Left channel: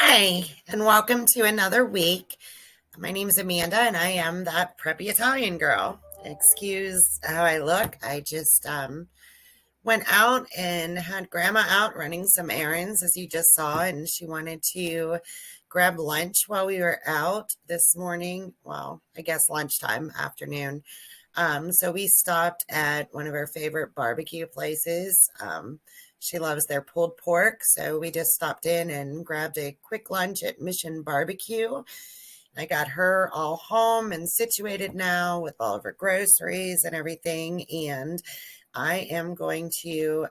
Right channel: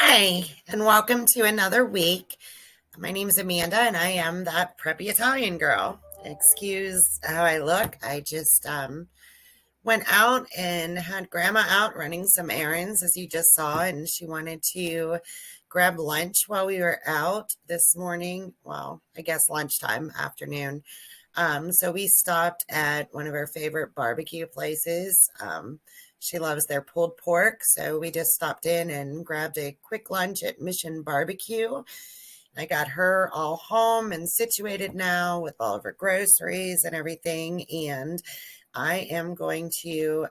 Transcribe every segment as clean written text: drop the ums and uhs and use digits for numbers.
Hi, and welcome to another week. My name is Amanda, and I am that preppy Italian girl. Excuse how I look. I just went out and had Grandma out running some errands, as you just saw, and she wanted to grab lunch while we were out this morning. Well, I guess lunchtime, afternoon. So we stopped at one of her favorite barbecue places. She loves their pulled pork, so we just stopped in and grabbed a quick lunch at Mission Barbecue. I got her all home and situated now with all of her groceries and everything, and I am going to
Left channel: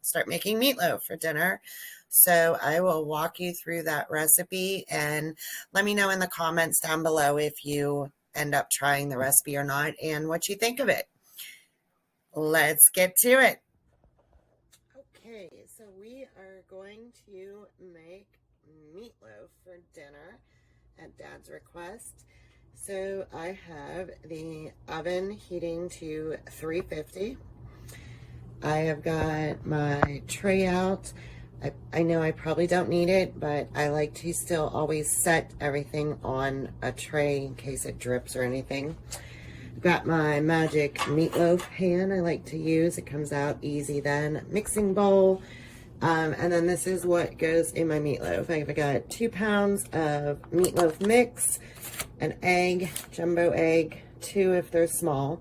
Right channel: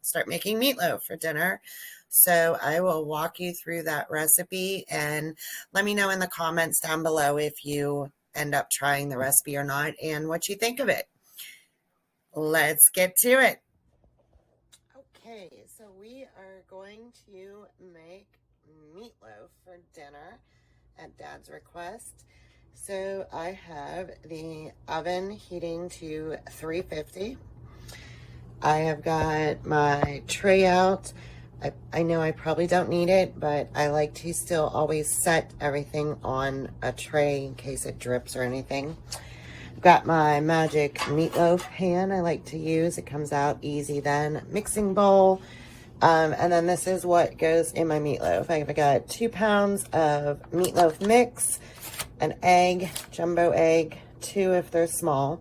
start making meatloaf for dinner. So I will walk you through that recipe and let me know in the comments down below if you end up trying the recipe or not and what you think of it. Let's get to it. Okay, so we are going to make meatloaf for dinner at Dad's request. So I have the oven heating to 350. I have got my tray out. I know I probably don't need it, but I like to still always set everything on a tray in case it drips or anything. I've got my magic meatloaf pan I like to use. It comes out easy then. Mixing bowl. And then this is what goes in my meatloaf. I've got 2 pounds of meatloaf mix, an egg, jumbo egg, 2 if they're small,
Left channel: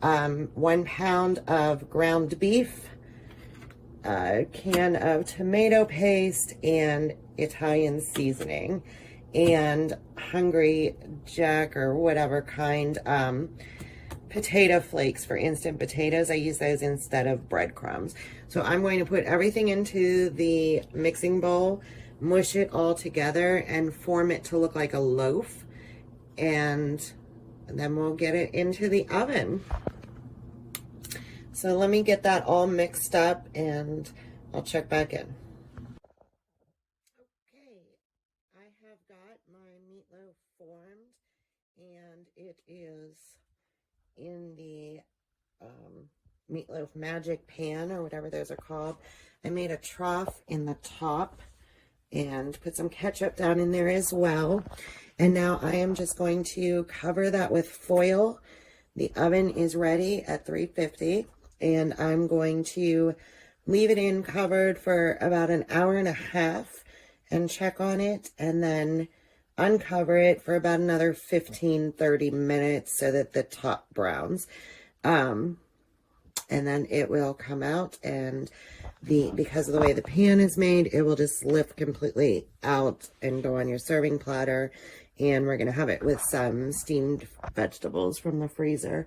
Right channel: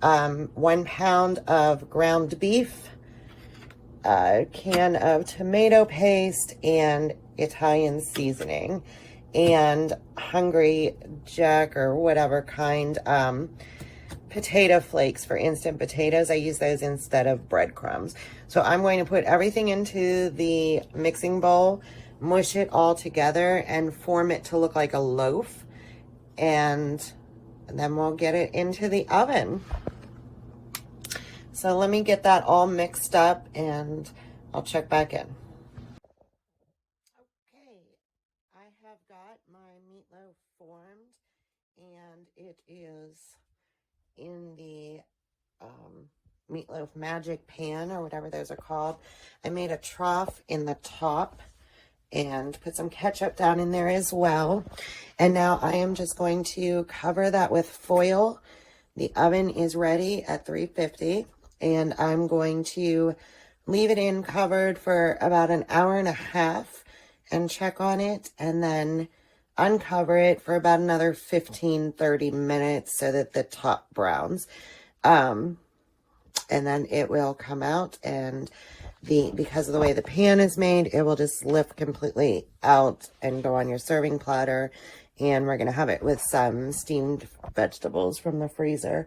1 pound of ground beef, a can of tomato paste and Italian seasoning, and Hungry Jack or whatever kind potato flakes for instant potatoes. I use those instead of breadcrumbs. So I'm going to put everything into the mixing bowl, mush it all together, and form it to look like a loaf. And then we'll get it into the oven. So let me get that all mixed up and I'll check back in. Okay, I have got my meatloaf formed and it is in the meatloaf magic pan or whatever those are called. I made a trough in the top and put some ketchup down in there as well. And now I am just going to cover that with foil. The oven is ready at 350 and I'm going to leave it in covered for about an hour and a half and check on it and then uncover it for about another 15-30 minutes so that the top browns. And then it will come out and because of the way the pan is made, it will just lift completely out and go on your serving platter. And we're going to have it with some steamed vegetables from the freezer.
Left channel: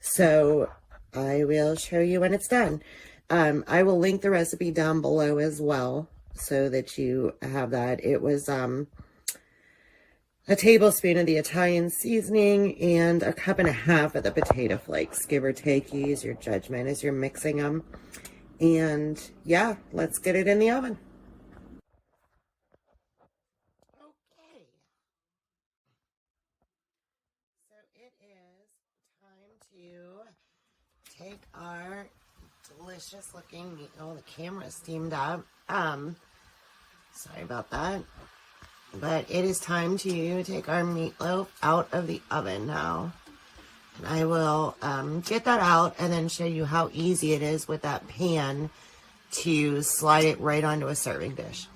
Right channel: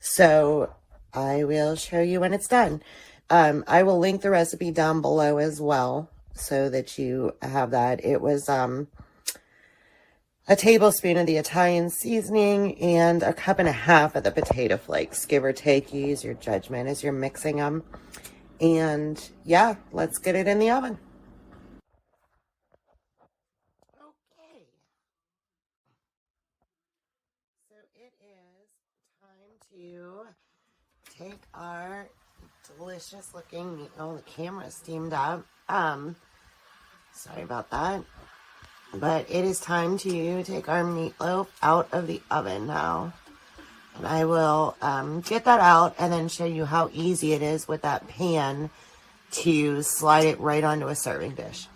So I will show you when it's done. I will link the recipe down below as well so that you have that. It was a tablespoon of the Italian seasoning and a cup and a half of the potato flakes, give or take. You use your judgment as you're mixing them. And yeah, let's get it in the oven. Okay. So it is time to take our delicious looking meat. Oh, the camera steamed up. Sorry about that. But it is time to take our meatloaf out of the oven now. And I will get that out and then show you how easy it is with that pan to slide it right onto a serving dish.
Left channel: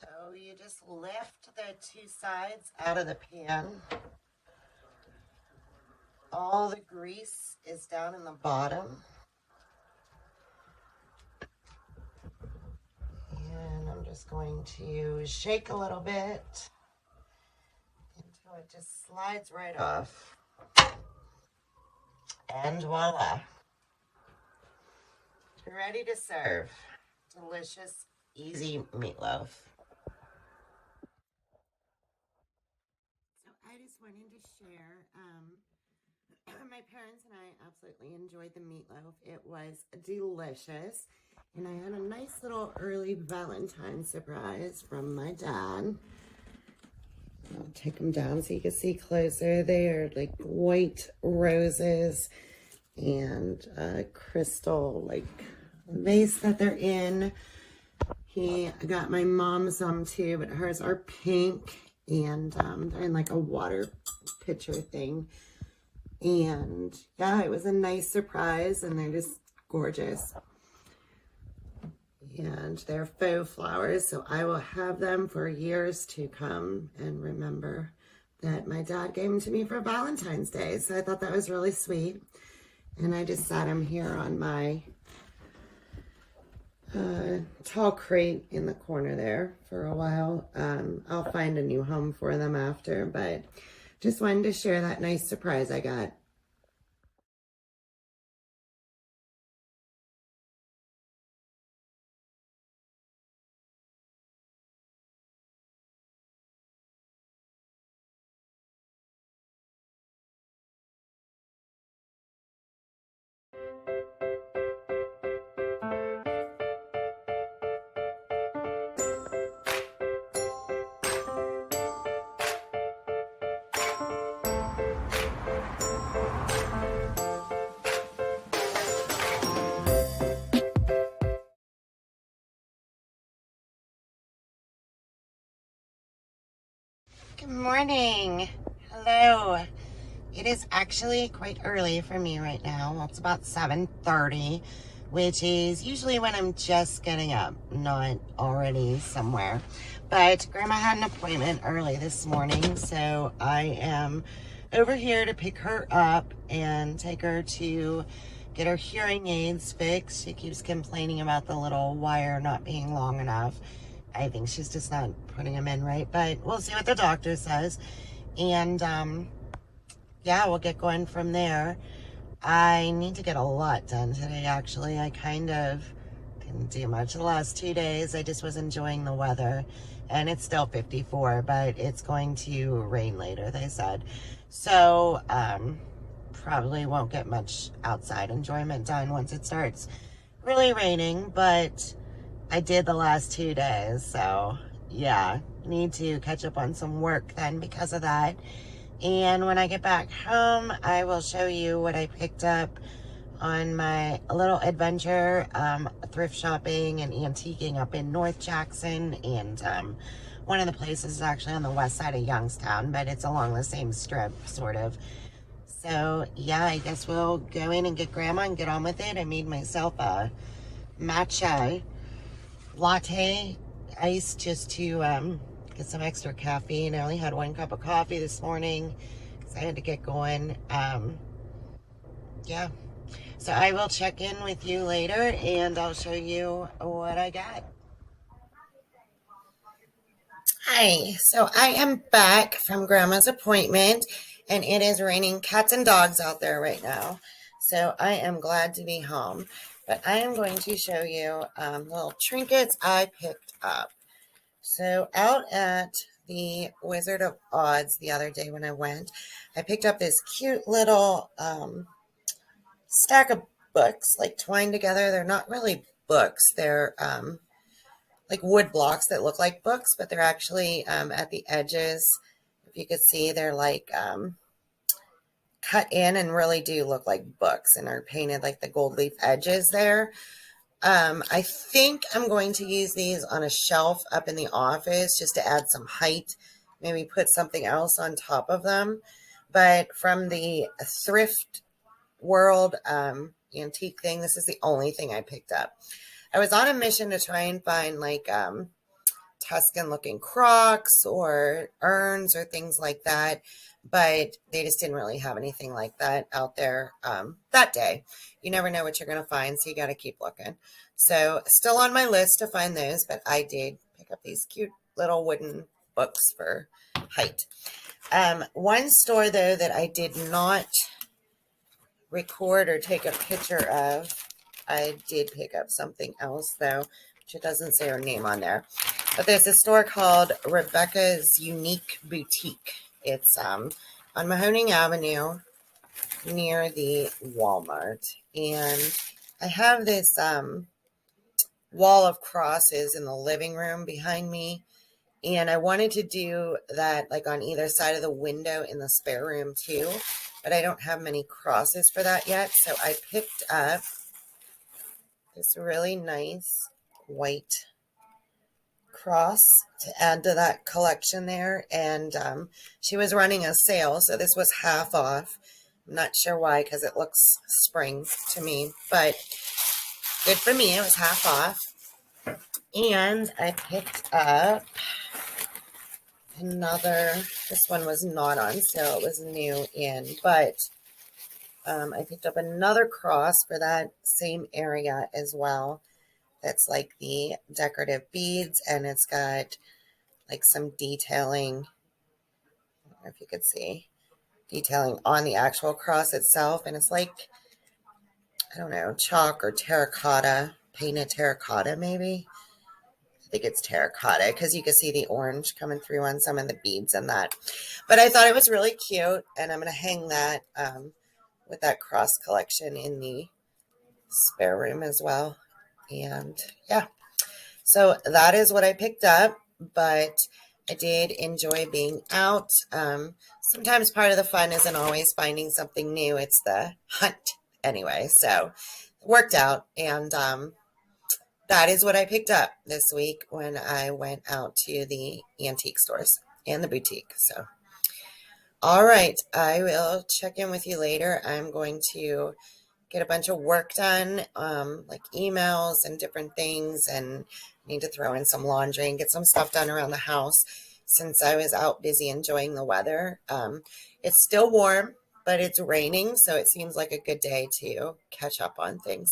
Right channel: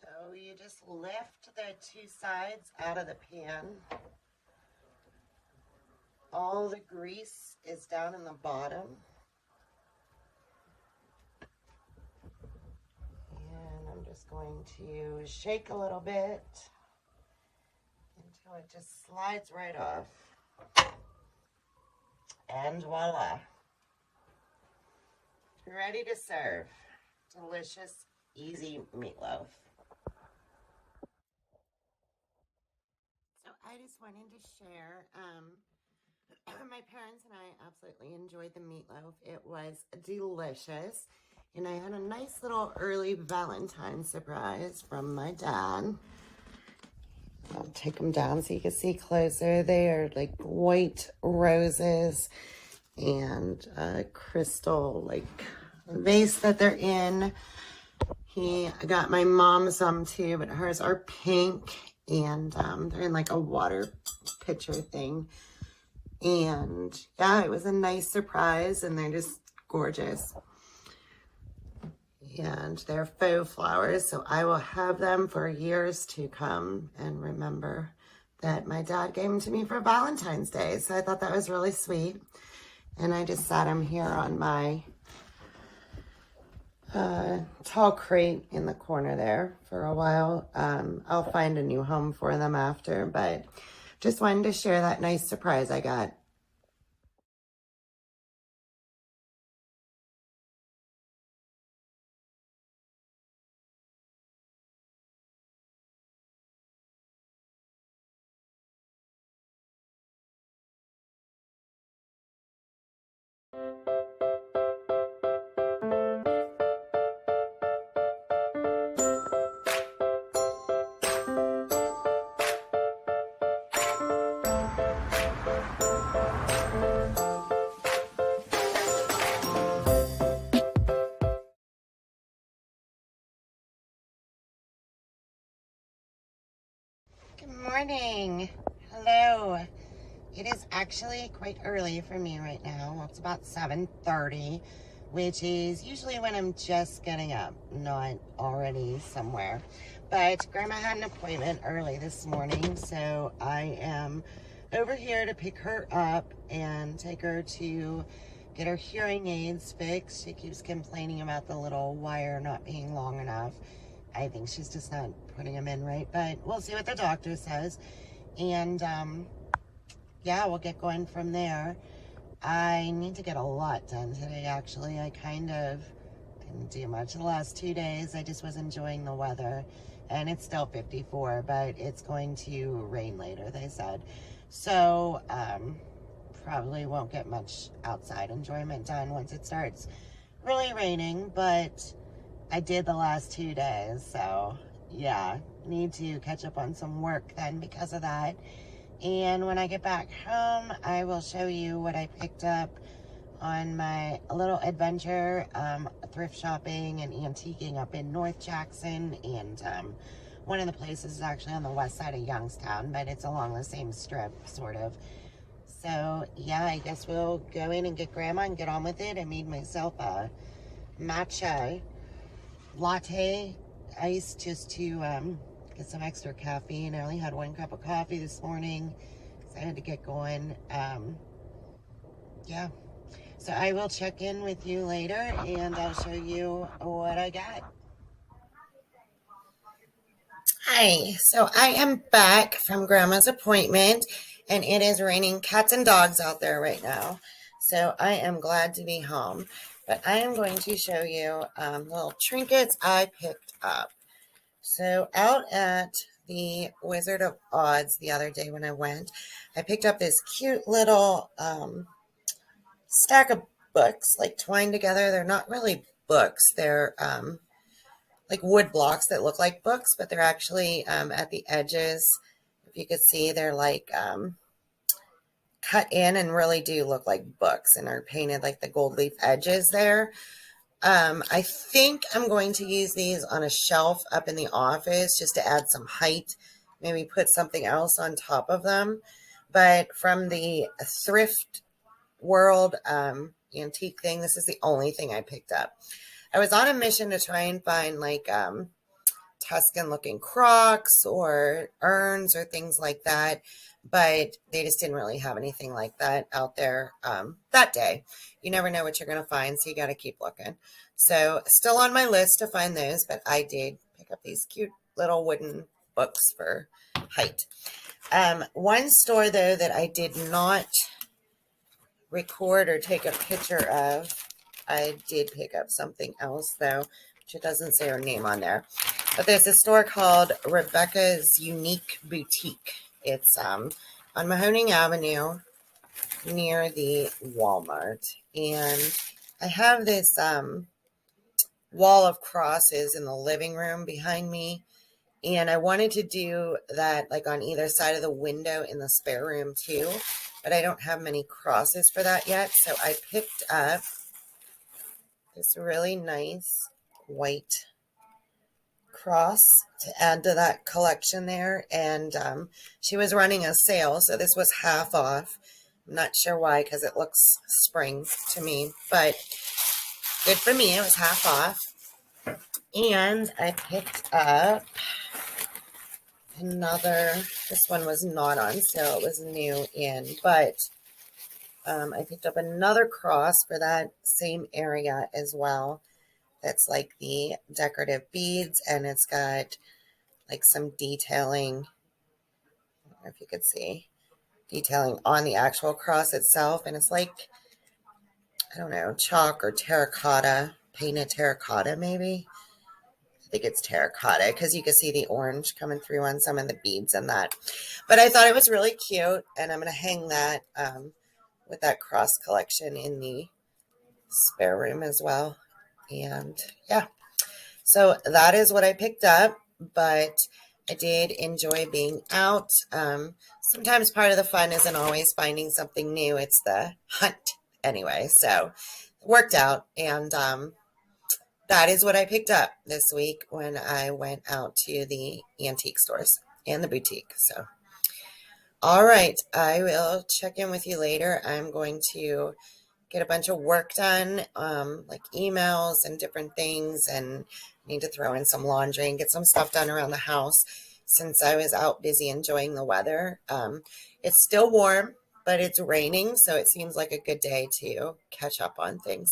So you just lift the 2 sides out of the pan. All the grease is down in the bottom. And I'm just going to shake a little bit So it just slides right off. And voila. You're ready to serve. Delicious, easy meatloaf. So I just wanted to share, my parents and I absolutely enjoyed the meatloaf. It was delicious. And I had a nice little early Valentine surprise from my dad. I'll take them down so you can see closer. They are like white roses and a crystal like vase that they're in. I got my mom some too, but hers are pink and they're in like a water pitcher thing. And yeah, it was a nice surprise and they're just gorgeous. And they're faux flowers, so I will have them for years to come and remember that my dad gave them to me for Valentine's Day. So I thought that was really sweet. And I just sat them here on my tall crate in the corner there for a while. I'll find a new home for them after, but just wanted to share that nice surprise I got. Good morning. Hello. It is actually quite early for me right now. Well, it's about 7:30, which is usually when I'm just getting up, not already somewhere. But Grandma had an appointment early this morning, so I am over here to pick her up and take her to get her hearing aids fixed. She keeps complaining about the little wire not being long enough. I think she's just not putting them in right, but we'll see what the doctor says. And yeah, we'll get going from there. I need to get a lot done today, actually. I kind of didn't do much the last 2 days. I just was enjoying the weather. And it's still 54, but it's going to rain later, they said. So, probably won't get much outside enjoyment done once it starts really raining, but I did the last 2 days, so yeah, need to catch up on some work then because of that. And when I get back home, I will show you what I picked up on my little adventure, thrift shopping and antiquing up in North Jackson. And one of the places is actually on the west side of Youngstown, but it's along the same strip, sort of. So yeah, I guess we'll go in and get Grandma and get on with it. I made myself a matcha latte ice just to get some extra caffeine. I only had 1 cup of coffee this morning because I had to get going. Yeah, so I will check in with you later and I'll show you what I got. Hi, so I am back from Grandma's appointment and it is raining cats and dogs out there right now. So I am glad to be home. But I am going to show you little trinkets I picked up. So out at the Wizard of Oz the other day when I went, I picked up this cute little stack of books, like twined together. They're not really books. They're like wood blocks that look like books, but they're actually at the edges. If you could see, they're like cut in and really do look like books and are painted like the gold leaf edges there. I think I'm going to use these on a shelf up in the office just to add some height, maybe put something else on top of them. But from the thrift world antique thing, this is the only thing I picked up. I was on a mission to try and find like Tuscan looking crocks or urns or things like that, but they just didn't really have anything like that out there that day. You never know what you're going to find, so you got to keep looking. So still on my list to find those, but I did pick up these cute little wooden books for height. One store, though, that I did not record or take a picture of, I did pick up something else, though, which it doesn't say her name on there. But there's a store called Rebecca's Unique Boutique. It's on Mahoning Avenue near the Walmart. And I have this wall of crosses in the living room behind me. And I wanted to do that like on either side of the window in the spare room too. But I don't have many crosses for that yet. So I picked up this really nice white cross to add to that collection there. And she was running a sale. So this was half off. I'm not sure why, because it looks spring to me. But good for me. It was half off. And I picked up another, this one was not on sale, it was new in, but I picked up another cross for that same area as well. That's like the decorative beads, and it's got like some detailing, I don't know if you could see, detailing on the actual cross itself, and it's like, I don't know, chalk or terracotta, painted terracotta maybe. I think it's terracotta because you can see the orange coming through on some of the beads and that. But I thought it was really cute, and I'm going to hang that with that cross collection in the spare room as well. And yeah, so that is what I picked up, but I did enjoy being out. Sometimes part of the fun isn't always finding something new. It's the hunt anyway. So it worked out, and that is what I picked up this week when I went out to the antique stores and the boutique. So, all right, I will check in with you later. I'm going to get a bunch of work done, like emails and different things, and need to throw in some laundry and get some stuff done around the house since I was out busy enjoying the weather. It's still warm, but it's raining, so it seems like a good day to catch up on things.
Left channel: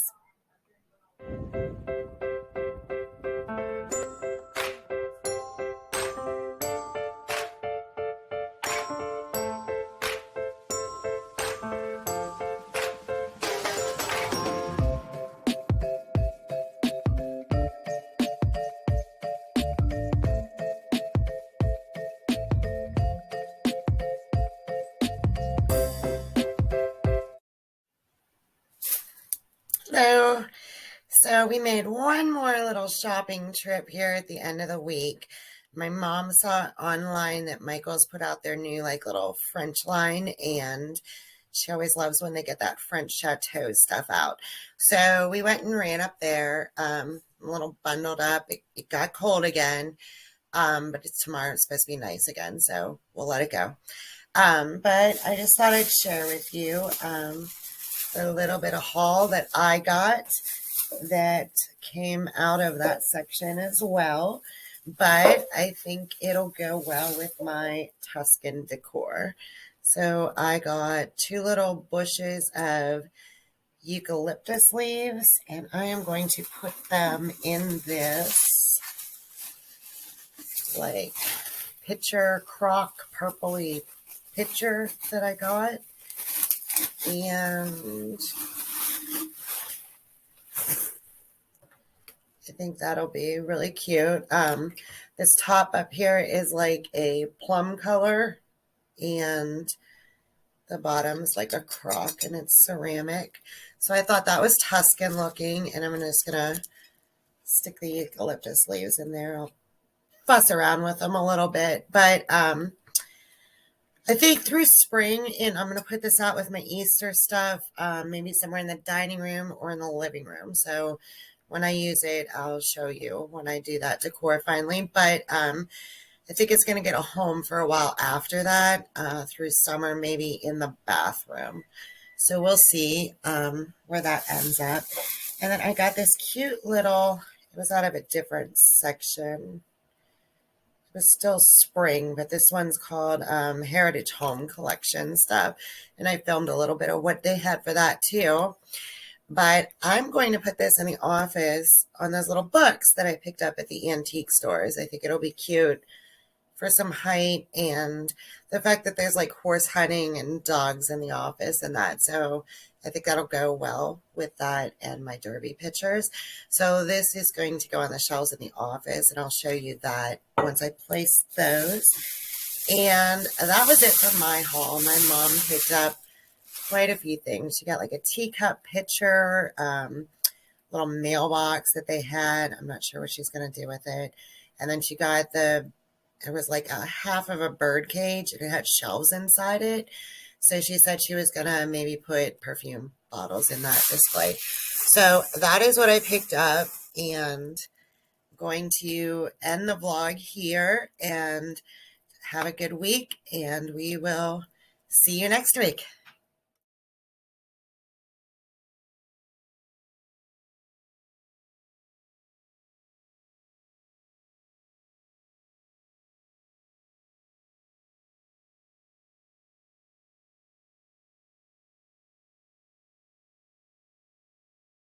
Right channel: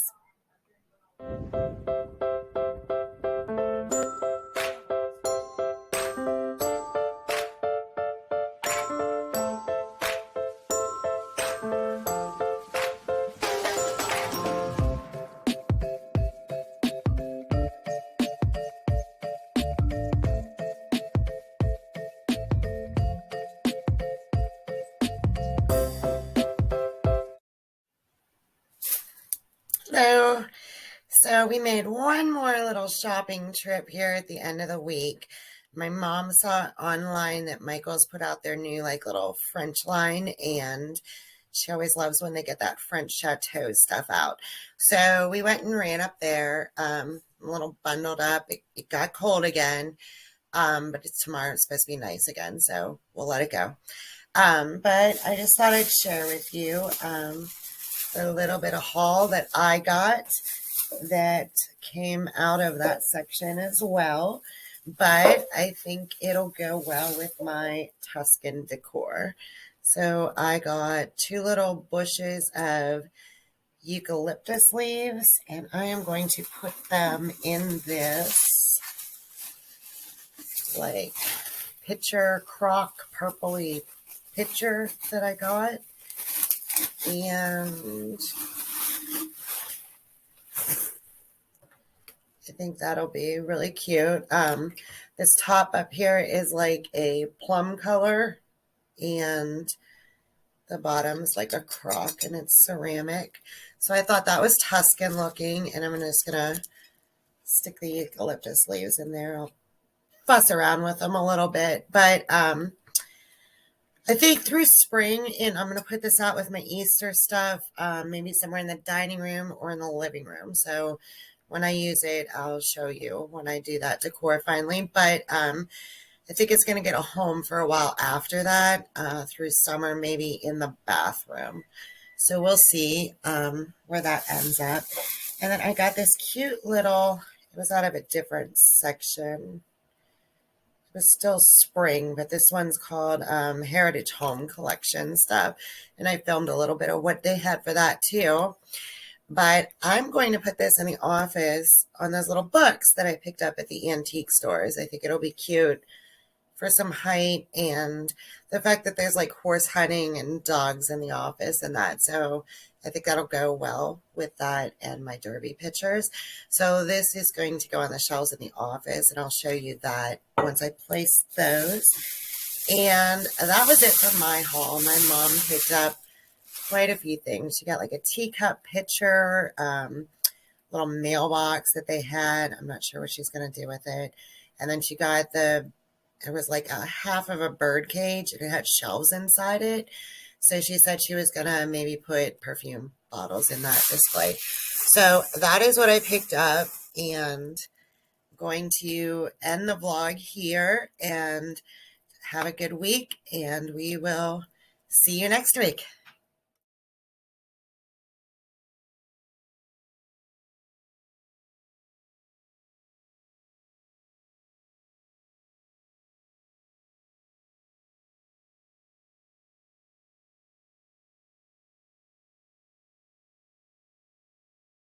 So we made one more little shopping trip here at the end of the week. My mom saw online that Michael's put out their new like little French line, and she always loves when they get that French chateau stuff out. So we went and ran up there, a little bundled up. It got cold again, but tomorrow it's supposed to be nice again, so we'll let it go. But I just thought I'd share with you a little bit of haul that I got that came out of that section as well. But I think it'll go well with my Tuscan decor. So I got 2 little bushes of eucalyptus leaves, and I am going to put them in this like pitcher crock purpley pitcher that I got. And I think that'll be really cute. This top up here is like a plum color, and the bottom's like a crock, and it's ceramic. So I thought that was Tuscan looking, and I'm just going to stick the eucalyptus leaves in there. I'll fuss around with them a little bit, but I think through spring, and I'm going to put this out with my Easter stuff, maybe somewhere in the dining room or in the living room. So when I use it, I'll show you when I do that decor finally. But I think it's going to get a home for a while after that, through summer, maybe in the bathroom. So we'll see where that ends up. And then I got this cute little, it was out of a different section. Was still spring, but this one's called Heritage Home Collection stuff, and I filmed a little bit of what they had for that too. But I'm going to put this in the office on those little books that I picked up at the antique stores. I think it'll be cute for some height, and the fact that there's like horse hunting and dogs in the office and that. So I think that'll go well with that and my derby pictures. So this is going to go on the shelves in the office, and I'll show you that once I place those. And that was it for my haul. My mom picked up quite a few things. She got like a teacup pitcher, little mailbox that they had. I'm not sure what she's going to do with it. And then she got it was like a half of a bird cage, and it had shelves inside it. So she said she was going to maybe put perfume bottles in that display. So that is what I picked up, and I'm going to end the vlog here, and have a good week, and we will see you next week.